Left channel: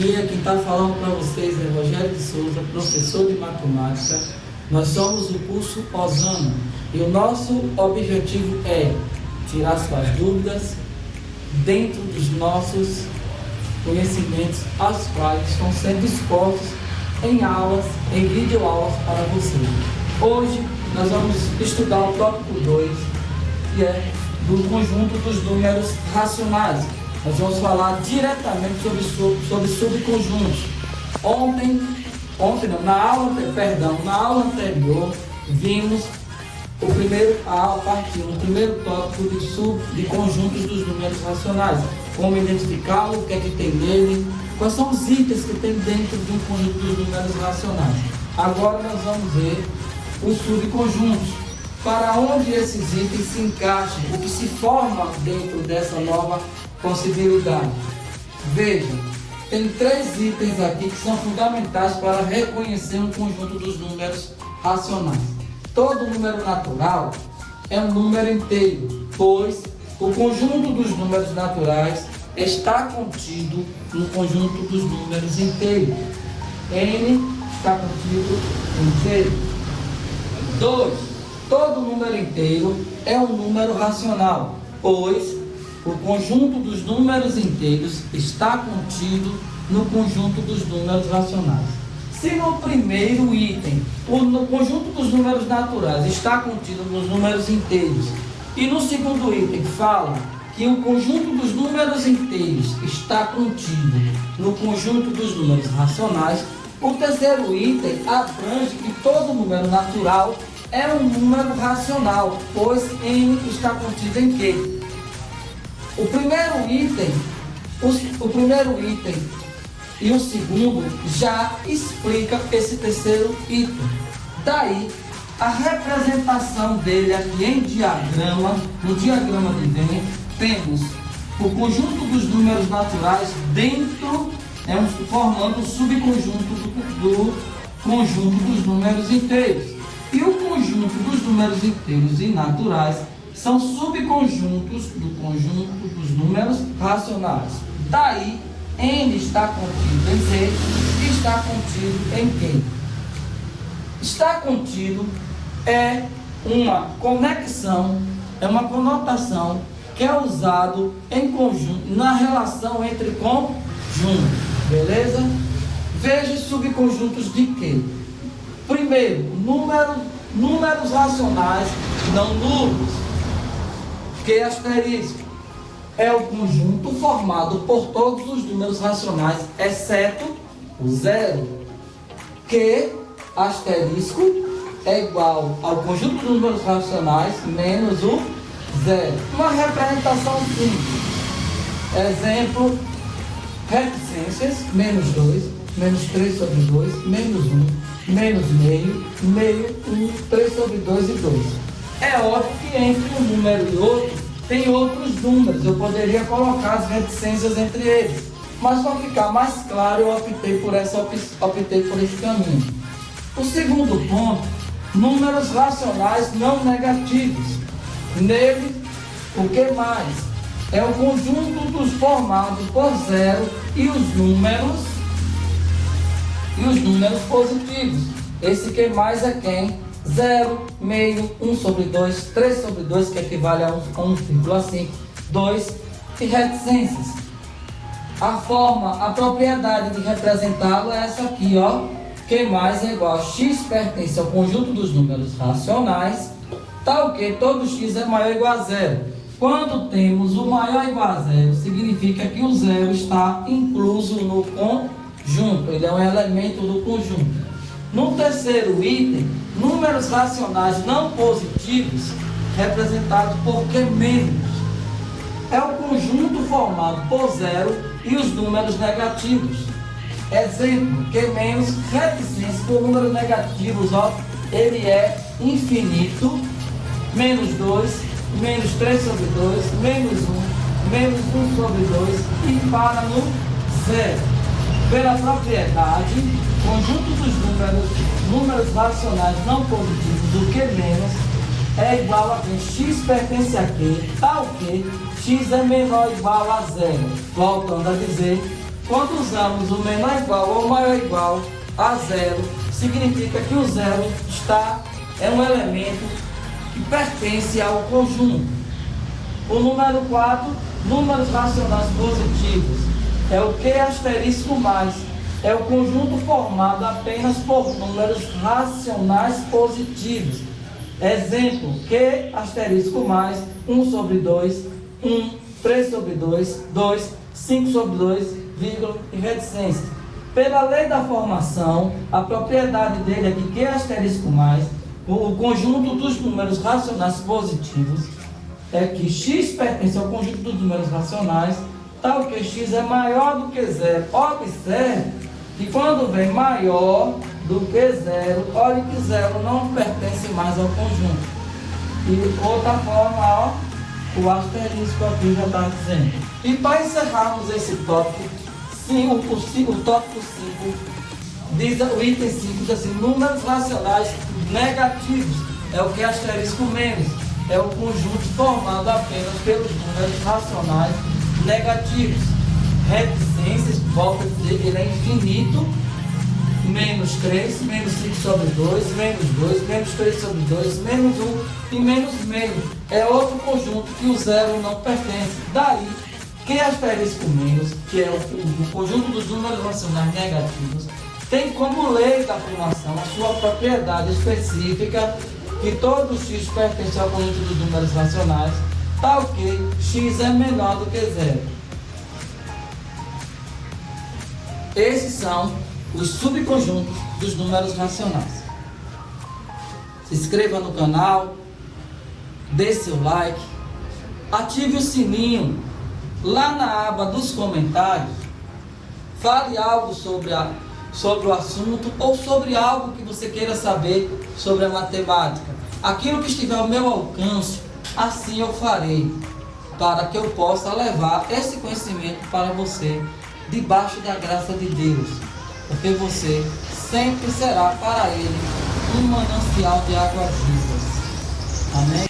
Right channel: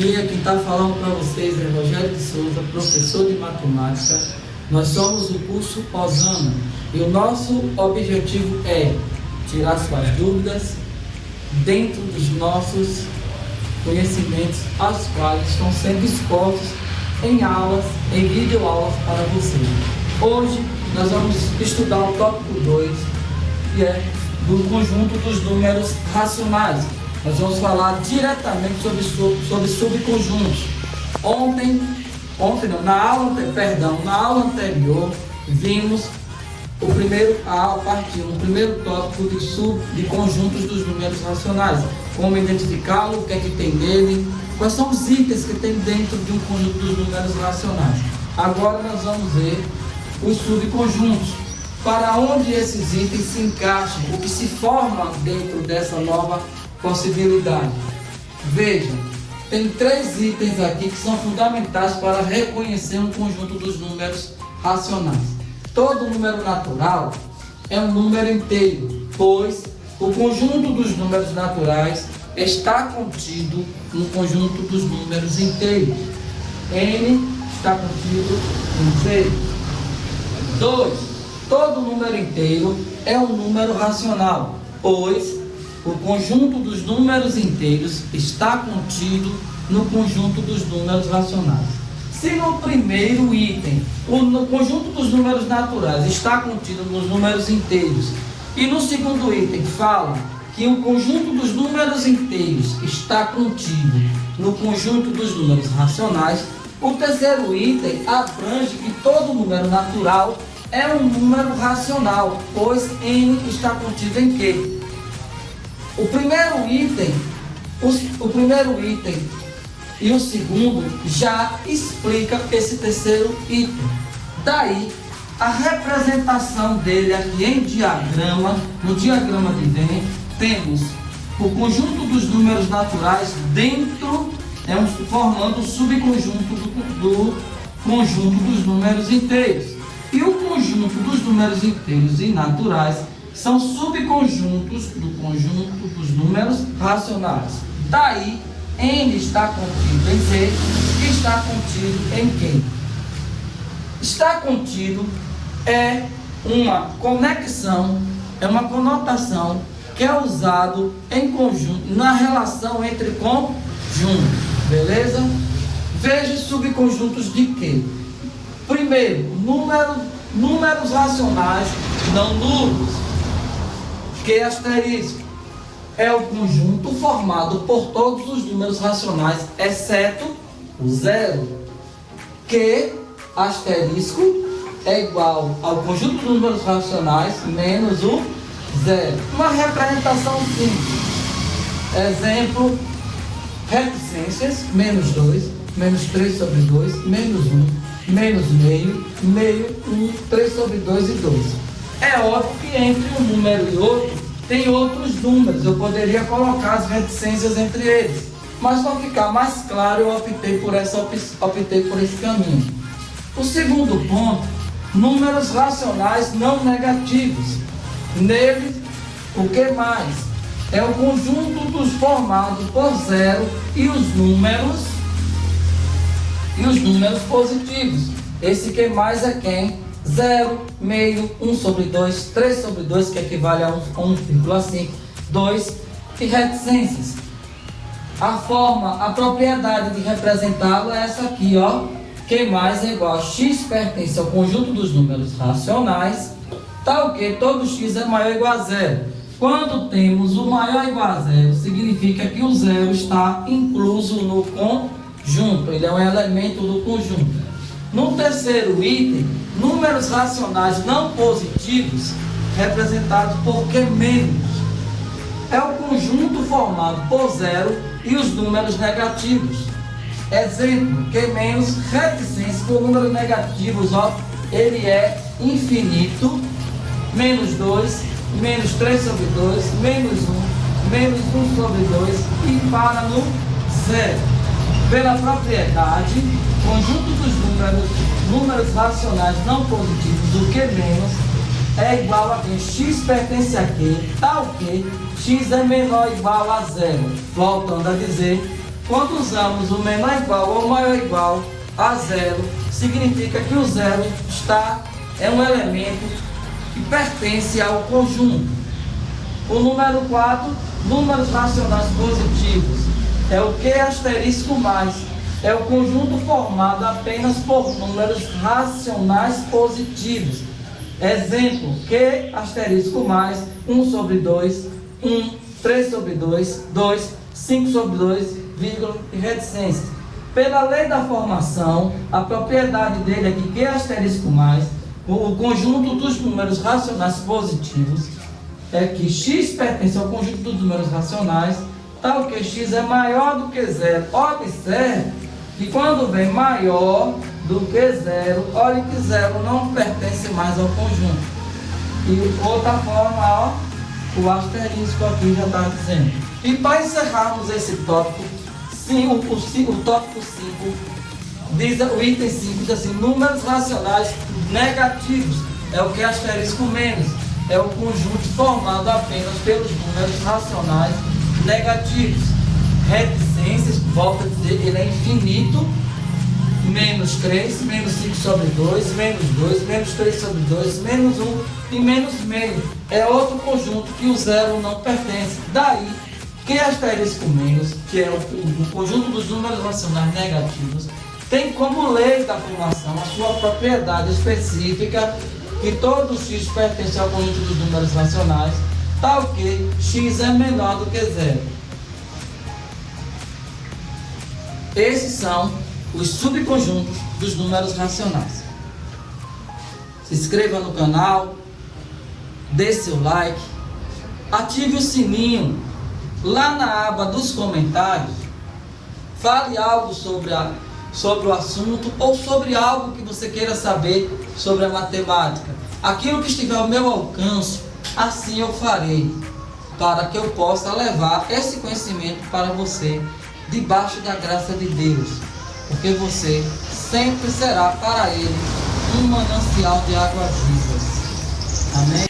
dia, quem está falando para vocês é Rogério de Souza, professor de matemática. Nós somos o curso pós-ano e o nosso objetivo é tirar suas dúvidas dentro dos nossos conhecimentos, aos quais estão sendo expostos em aulas, em videoaulas para vocês. Hoje nós vamos estudar o tópico 2, que é do conjunto dos números racionais. Nós vamos falar diretamente sobre subconjuntos. Na aula anterior, vimos o primeiro tópico de conjuntos dos números racionais. Como identificá-lo, o que é que tem nele, quais são os itens que tem dentro de um conjunto dos números racionais. Agora nós vamos ver os subconjuntos, para onde esses itens se encaixam, o que se forma dentro dessa nova possibilidade. Veja, tem 3 itens aqui que são fundamentais para reconhecer um conjunto dos números racionais. Todo número natural é um número inteiro, pois o conjunto dos números naturais está contido no conjunto dos números inteiros. N está contido inteiro. 2. Todo número inteiro é um número racional, pois o conjunto dos números inteiros está contido no conjunto dos números racionais. Se no primeiro item o conjunto dos números naturais está contido nos números inteiros, e no segundo item fala que o conjunto dos números inteiros está contido no conjunto dos números racionais, o terceiro item abrange que todo número natural é um número racional, pois N está contido em quê? O primeiro item e o segundo já explica esse terceiro item. Daí, a representação dele aqui em diagrama, no diagrama que vem, temos o conjunto dos números naturais dentro, formando o subconjunto do conjunto dos números inteiros. E o conjunto dos números inteiros e naturais são subconjuntos do conjunto dos números racionais. Daí, N está contido em Z e está contido em Q. Está contido é uma conexão, é uma conotação que é usado em conjunto, na relação entre conjuntos, beleza? Veja os subconjuntos de Q. Primeiro, números racionais não nulos. Q asterisco é o conjunto formado por todos os números racionais, exceto o zero. Q asterisco é igual ao conjunto dos números racionais menos o zero. Uma representação simples. Exemplo, reticências, menos 2, menos 3 sobre 2, menos 1, menos meio, 1, 3 sobre 2 e 2. É óbvio que entre um número e outro tem outros números, eu poderia colocar as reticências entre eles, mas para ficar mais claro eu optei por esse caminho. O segundo ponto, números racionais não negativos. Nele, o que mais? É o conjunto dos formados por zero e os números positivos. Esse que mais é quem? 0, meio, 1 sobre 2, 3 sobre 2, que equivale a 1,5, 2 e reticências. A propriedade de representá-lo é essa aqui, ó. Q mais é igual a x pertence ao conjunto dos números racionais, tal que todo x é maior ou igual a 0. Quando temos o maior ou igual a 0, significa que o 0 está incluso no conjunto, ele é um elemento do conjunto. No terceiro item, números racionais não positivos, representados por Q menos. É o conjunto formado por 0 e os números negativos. Exemplo, Q menos, reticência por números negativos, ó, ele é infinito, menos 2, menos 3 sobre 2, menos 1, menos 1 sobre 2 e para no 0. Pela propriedade, conjunto dos números racionais não positivos, o Q menos, é igual a que x pertence a Q, tal que x é menor ou igual a 0. Voltando a dizer, Quando usamos o menor igual ou maior igual a zero, significa que o zero é um elemento que pertence ao conjunto. O número 4, números racionais positivos, é o Q asterisco mais, é o conjunto formado apenas por números racionais positivos. Exemplo, Q asterisco mais, 1 sobre 2, 1, 3 sobre 2, 2, 5 sobre 2, vírgula e reticências. Pela lei da formação, a propriedade dele é que Q asterisco mais, o conjunto dos números racionais positivos, é que x pertence ao conjunto dos números racionais, tal que x é maior do que zero. Observe que quando vem maior do que zero, olha que zero não pertence mais ao conjunto. E outra forma, ó, o asterisco aqui já está dizendo. E para encerrarmos esse tópico, o tópico 5, diz o item 5, diz assim, números racionais negativos, é o que asterisco menos, é o conjunto formado apenas pelos números racionais negativos. Reticências, volta a dizer, ele é infinito, menos 3, menos 5 sobre 2, menos 2, menos 3 sobre 2, menos 1 e menos meio. É outro conjunto que o zero não pertence. Daí, que asterisco menos, que é o conjunto dos números racionais negativos, tem como lei da formação a sua propriedade específica, que todo x pertence ao conjunto dos números racionais, tal que x é menor do que zero. Esses são os subconjuntos dos números racionais. Se inscreva no canal, dê seu like, ative o sininho. Lá na aba dos comentários, fale algo sobre o assunto ou sobre algo que você queira saber sobre a matemática. Aquilo que estiver ao meu alcance, assim eu farei, para que eu possa levar esse conhecimento para você, debaixo da graça de Deus, porque você sempre será para Ele um manancial de águas vivas. Amém?